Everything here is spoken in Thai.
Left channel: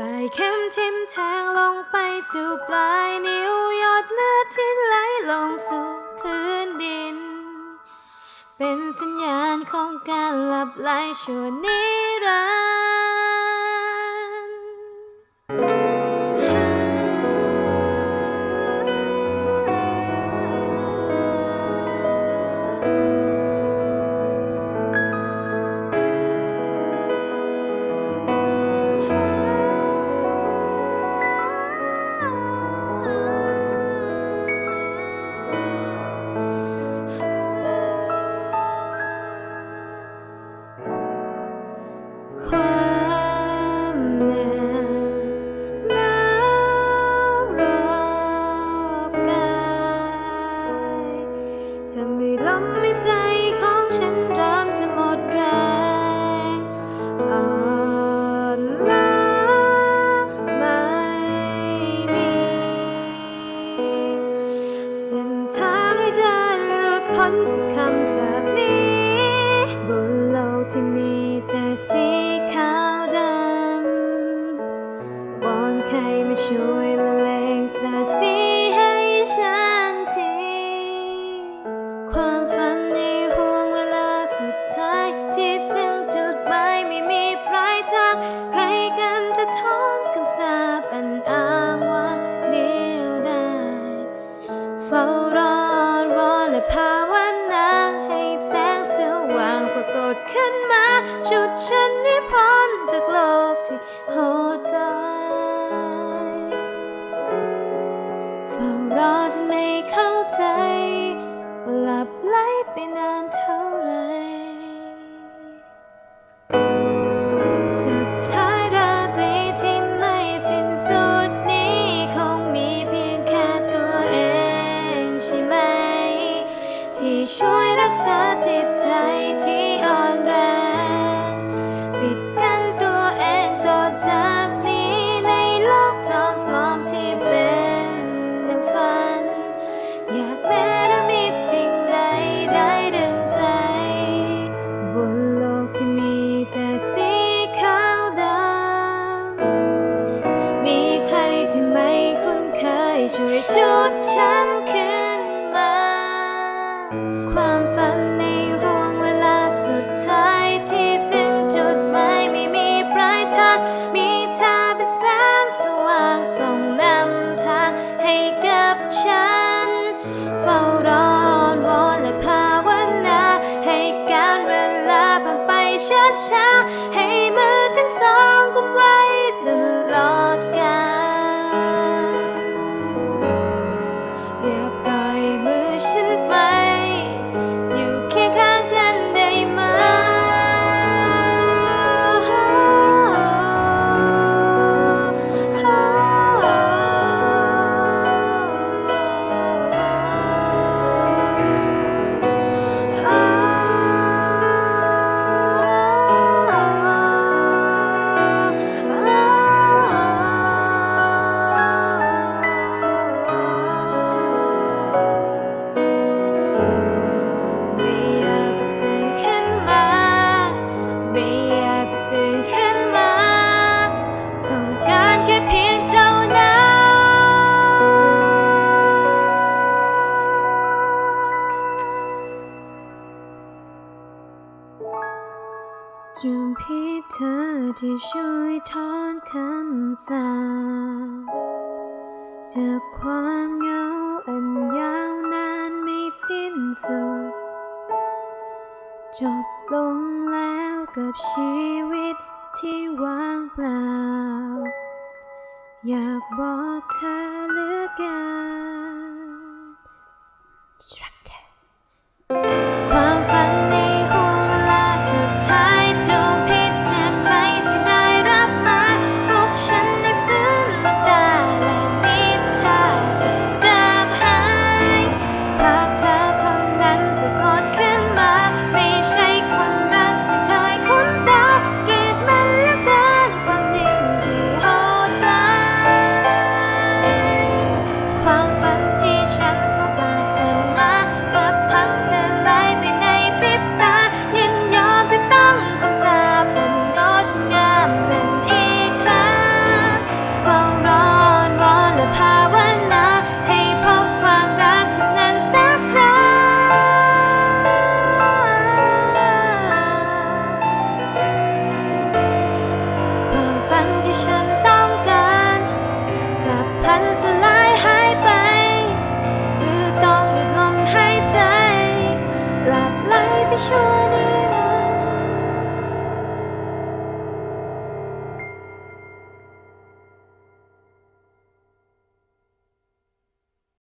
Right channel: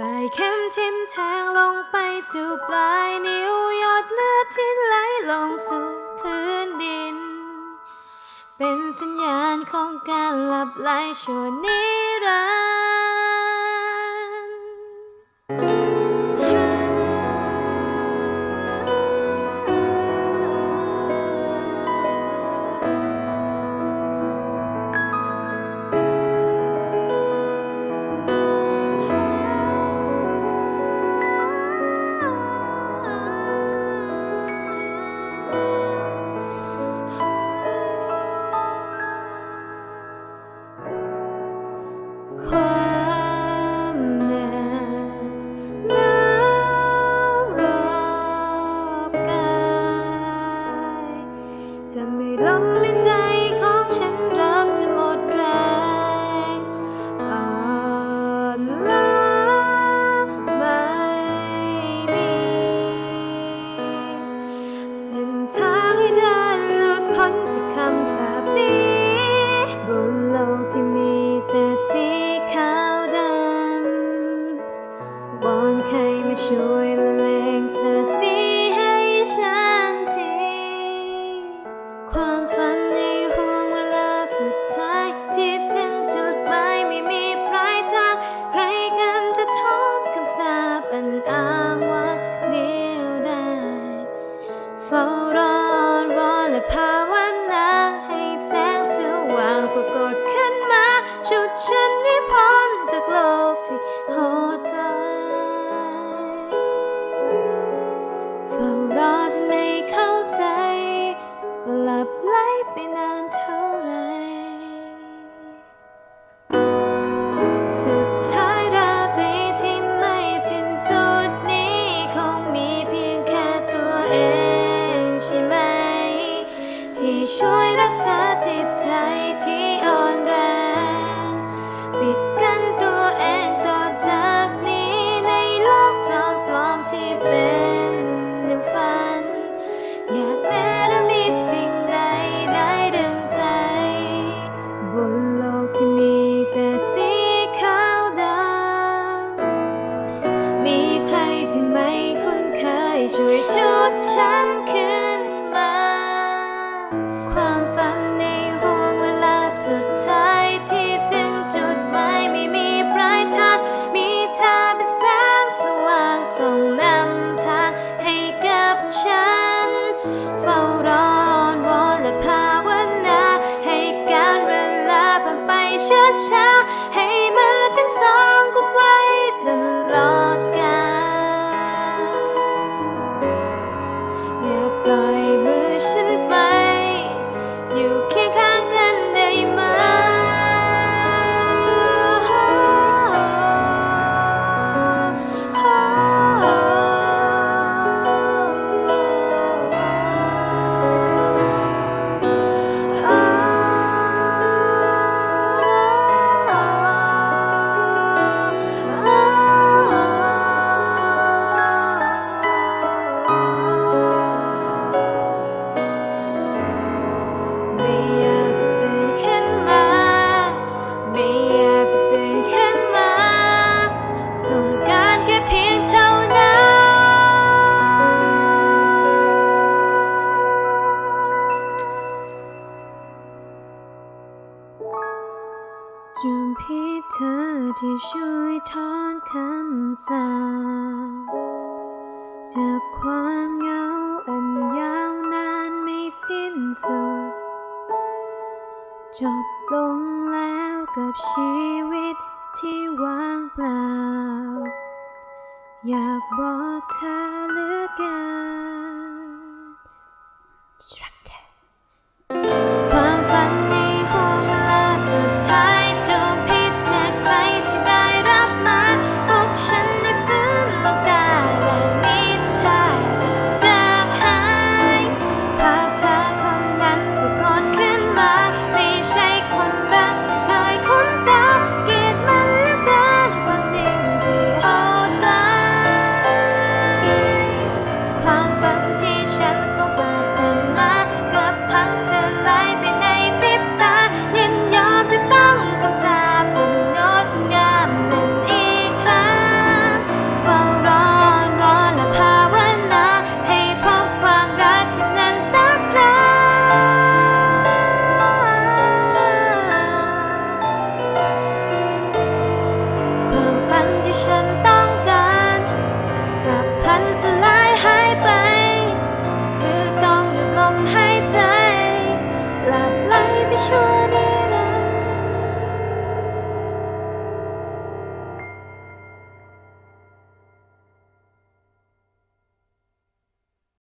ปลายเข็มทิ่มแทงลงไปสู่ปลายนิ้วหยดเลือดที่ไหลลงสู่พื้นดิน เป็นสัญญาณของการหลับไหลชั่วนิรัน ความเหนื่อยหนาวรอบกายจะไม่ลมไม่ใจของฉันเริ่มจะหมดแรงอ่อนล้าไม่มี เส้นทางให้เดินหลุดพ้นจากคำสาปนี้ บนโลกที่มี ขาวดำวอนใครมาช่วยละเลงสาสีให้ฉันที ความฝันในห่วงเวลาสุดท้าย ที่สิ้นจุดหมายไม่มีปลายทาง ใครกันจะทอนคำสาปอันอ้างว่าเดียวได้เฝ้ารออ้อนวอนและภาวนาางปรากฏขึ้นมาชุดฉันนิพนธ์จากโลกที่โหดร้ายเฝ้ารอจนไม่เข้าใจว่าหลับไหลไปนานเท่าไร สุดท้ายราตรีที่ไม่สิ้นสุดนี้คงมีเพียงแค่ตัวเองใช่ไหม ที่ช่วย รักษาจิตใจที่อ่อนแรง ปิดกั้นตัวเองต่อจากนี้ในโลกจอมปลอมที่เป็นดังฝัน อยากแม้จะมีสิ่งใดได้ดึงใจ บนโลกที่มีแต่สีขาวดำมีใครที่ไม่คุ้นเคยช่วยชุดฉันางส่งนำทางให้กับฉัน เฝ้ารออ้อนวอนและภาวนา ให้การเวลาผ่านไปช้าๆ ให้มือทั้งสองกุมไว้ตลอดกาลอย่าปล่อยมือฉันไป อยู่ จุมพี่เธอที่ช่วยถอนคำสาปจากความเหงาอันยาวนานไม่สิ้นสุด จบลงแล้วกับชีวิตที่ว่างเปล่า อยากบอกเธอเหลือเกิน ที่ฉันต้องการกับพันสลายหายไป หรือต้องหยุดลมหายใจ หลับไหลไปชั่วนิรัน